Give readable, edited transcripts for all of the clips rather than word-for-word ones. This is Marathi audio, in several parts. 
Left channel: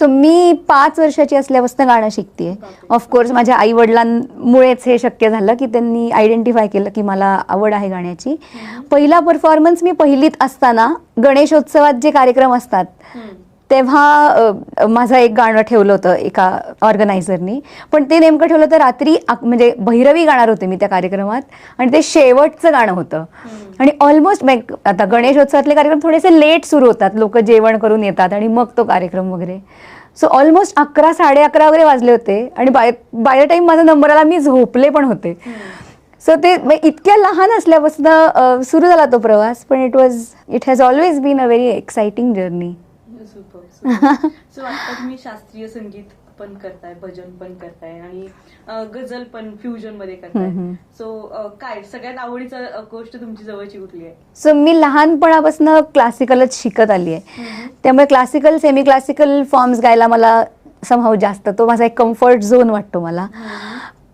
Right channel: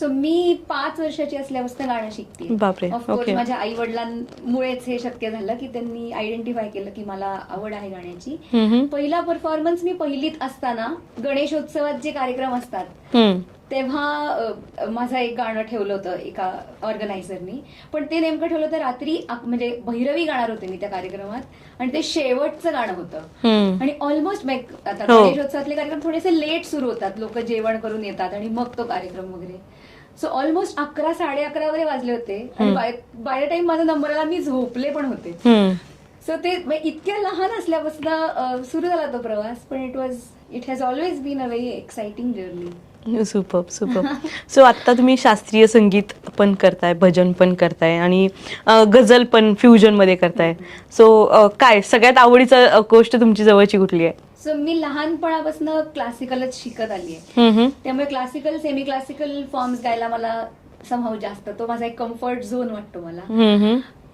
सो मी 5 वर्षाची असल्यापासून गाणं शिकते. बापरे. Of course Okay. माझ्या आई वडिलांमुळेच हे शक्य झालं की त्यांनी आयडेंटिफाय केलं की मला आवड आहे गाण्याची. पहिला परफॉर्मन्स मी पहिलीत असताना गणेशोत्सवात जे कार्यक्रम असतात तेव्हा माझं एक गाणं ठेवलं होतं एका ऑर्गनायझरनी. पण ते नेमकं ठेवलं होतं रात्री म्हणजे भैरवी गाणार होते मी त्या कार्यक्रमात आणि ते शेवटचं गाणं होतं. आणि ऑलमोस्ट आता गणेशोत्सवातले कार्यक्रम थोडेसे लेट सुरू होतात, लोक जेवण करून येतात आणि मग तो कार्यक्रम वगैरे. सो ऑलमोस्ट 11, 11:30 वगैरे वाजले होते आणि बाय द टाइम माझा नंबर आला मी झोपले पण होते. सो ते इतक्या लहान असल्यापासून सुरू झाला तो प्रवास. पण it has always been a very exciting journey. Super super. So आता तुम्ही शास्त्रीय संगीत पण करताय, भजन पण करताय आणि गझल पण फ्युजन मध्ये करताय. सो काय सगळ्यात आवडीचं गोष्ट तुमची जवळची कुठली आहे? सो मी लहानपणापासून क्लासिकलच शिकत आली आहे. त्यामुळे क्लासिकल, सेमी क्लासिकल फॉर्म्स गायला मला समहाऊ जास्त, तो माझा एक कम्फर्ट झोन वाटतो मला.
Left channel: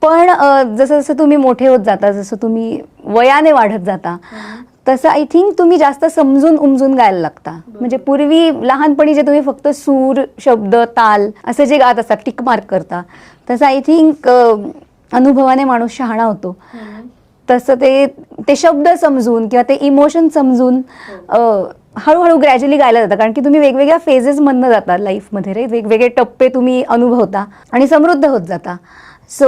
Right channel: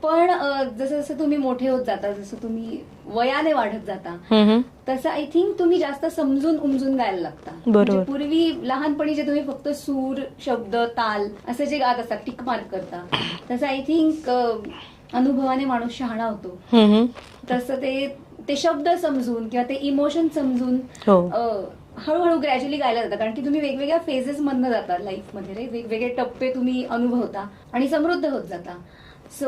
पण जसं जसं तुम्ही मोठे होत जाता, जसं तुम्ही वयाने वाढत जाता, तसं आय थिंक तुम्ही जास्त समजून उमजून गायला लागता. म्हणजे पूर्वी लहानपणी जे तुम्ही फक्त सूर, शब्द, ताल असं जे गात असतात, टिक मार्क करता, तसं आय थिंक अनुभवाने माणूस शहाणा होतो. तसं ते शब्द समजून किंवा ते इमोशन समजून हळूहळू ग्रॅज्युअली गायला जातं. कारण की तुम्ही वेगवेगळ्या फेजेस मधनं जाता लाईफमध्ये रे, वेगवेगळे टप्पे तुम्ही अनुभवता आणि समृद्ध होत जाता. सो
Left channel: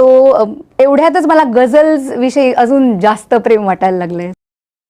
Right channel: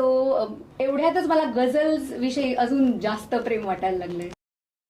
एवढ्यातच मला गझल्स विषयी अजून जास्त प्रेम वाटायला लागलंय.